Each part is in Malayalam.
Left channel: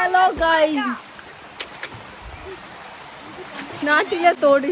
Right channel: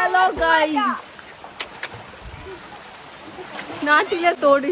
ഹലോ ഗൈസ് നാട്ടിലെ തോട്.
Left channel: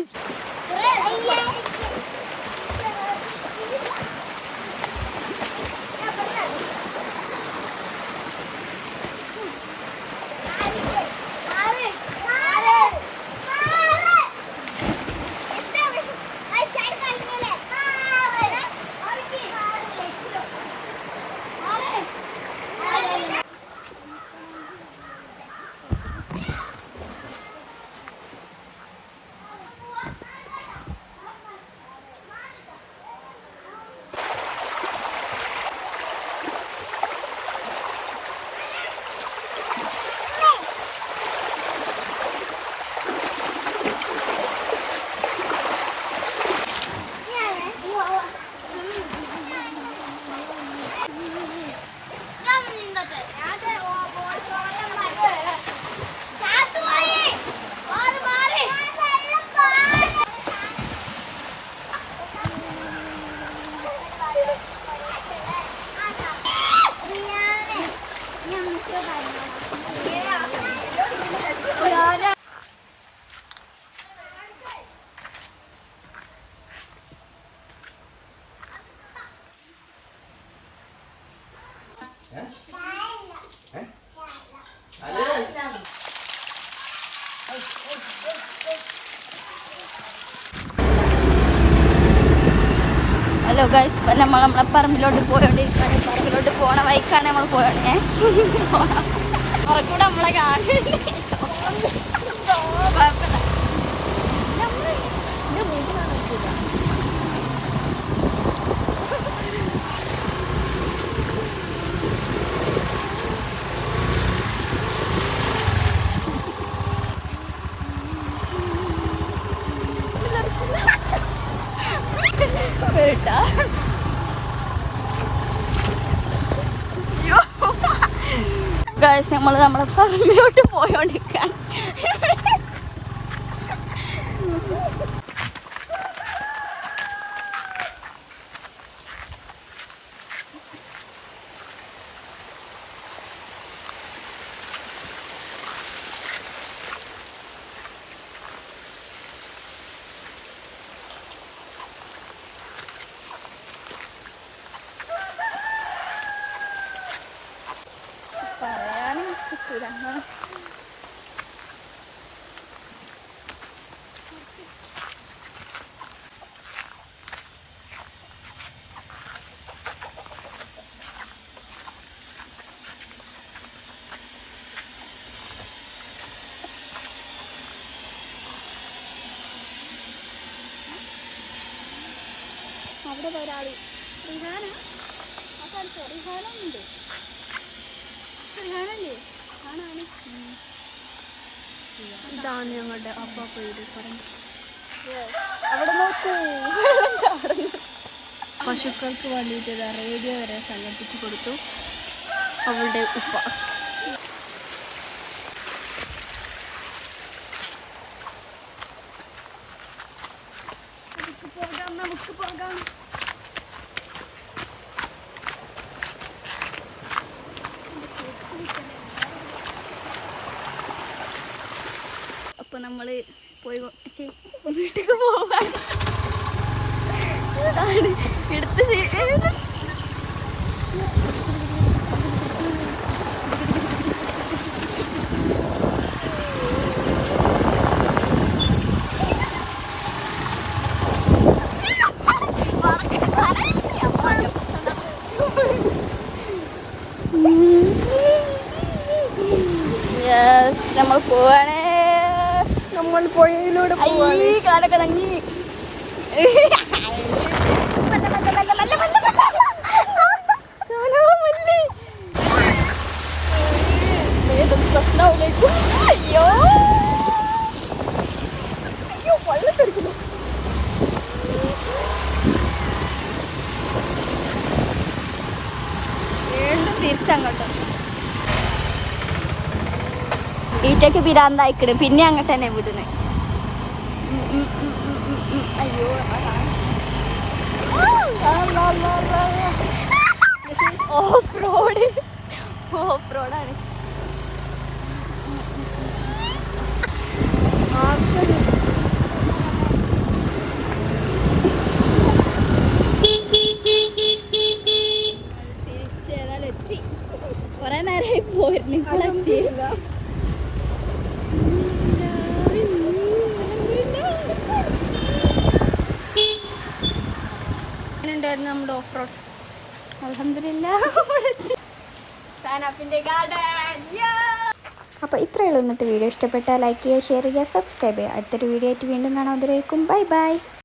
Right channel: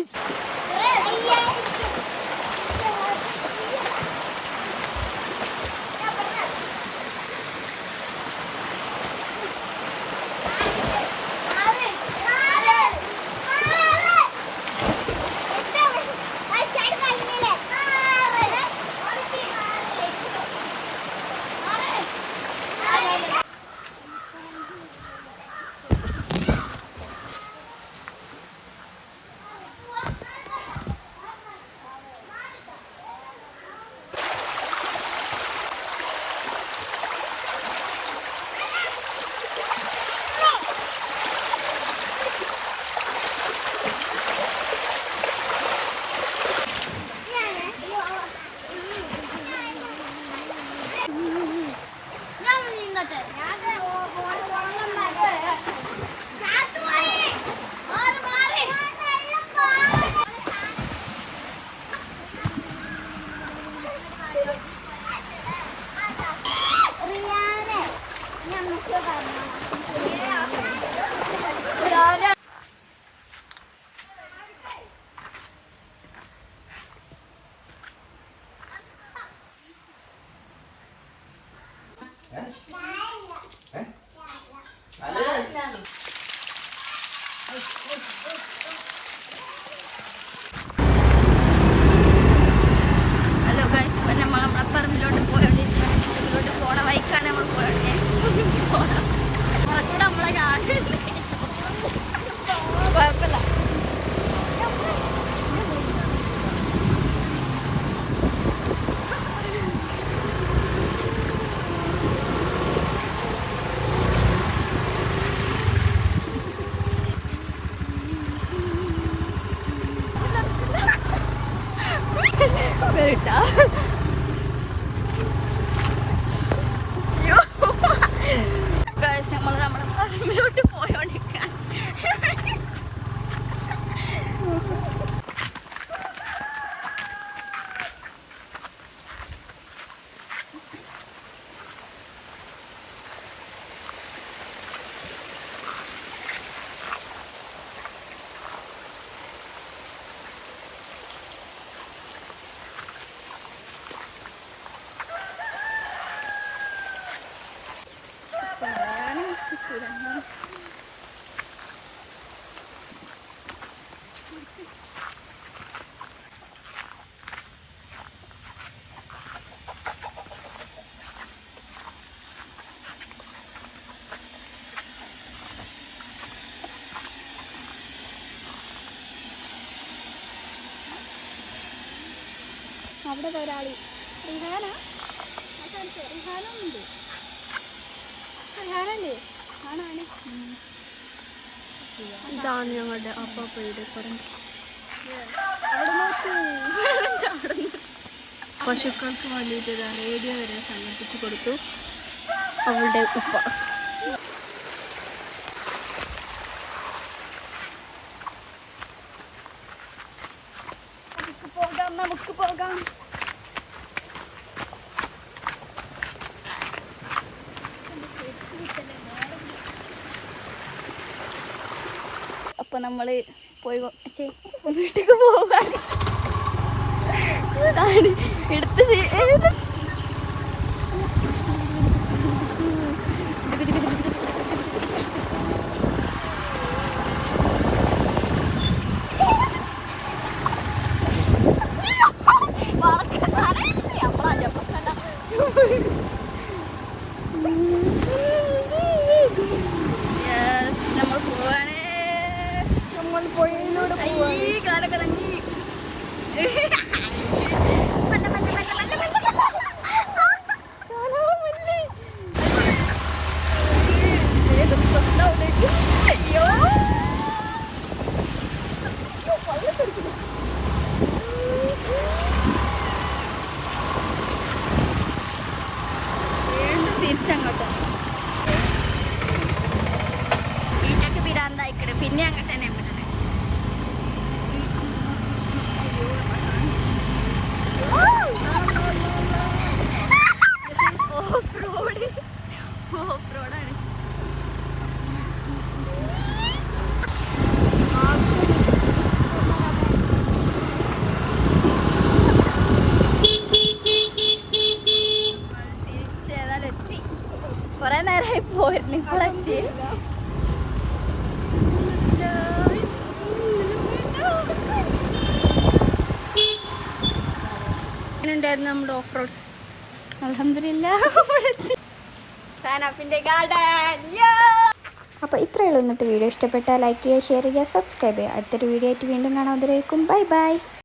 ഹലോ ഗൈസ് ഇപ്പം നമ്മൾ നമ്മളെ പറമ്പിലോട്ട് പോയോണ്ടിരിക്കുകയാണ് പറമ്പിലോട്ട് പോണ വൈക്കാണ് നമ്മൾ പോയോണ്ടേ പോണം. നമ്മളെ കാണുന്നുണ്ട്. കുഴപ്പമില്ല. ഗായ്സ് നമ്മൾ നമ്മളെ പറമ്പിലോട്ട് പോയോണ്ടിരിക്കാൻ റിഹാന. സ്ഥലത്ത് റിഹാനുണ്ട് റിഹാനല്ലേ? ഇതാണ് ഞങ്ങളുടെ അപ്പാപ്പയുടെ പറമ്പ്. പശുക്കൾക്ക് വേണ്ടിയിട്ട് റേഡിയോ വരെ സംഘടിപ്പിച്ചു കൊടുത്തു. അവളുടെ ഉപ്പ. അപ്പൊ നമ്മൾ പോയി വീട്ടിൽ പോകാൻ എടുത്ത്. നമ്മൾ പോവാണ് നമ്മൾ പുഴയിലൂടെ അയ്യോ കാലൊക്കെ കുറ്റക്ക് പിരാന്തായിക്കണ് പിന്നെ അങ്ങോട്ട് തന്നെ വിടുന്നു. Off road. ഓഫ് റോഡാണ്. കുറേ നേരമായി പോയിരുന്നു ഇപ്പോഴെത്തി ഉണ്ടായിരുന്നു നമ്മുടെ ഓഫ് റോഡ് അപ്പൊ ഫാനപ്പിന്റെ ഗാർഡൻ. അപ്പോൾ ഇത്രയുള്ള ഇന്നത്തെ വീഡിയോ. ഇഷ്ടപ്പെട്ടാൽ ലൈക്ക് ചെയ്യുക ഷെയർ ചെയ്യുക സബ്സ്ക്രൈബ് ചെയ്യുക. അടുത്തൊരു വീഡിയോ ആയിട്ട് വീണ്ടും കാണാം. അതിലേക്കും ബൈ ബൈ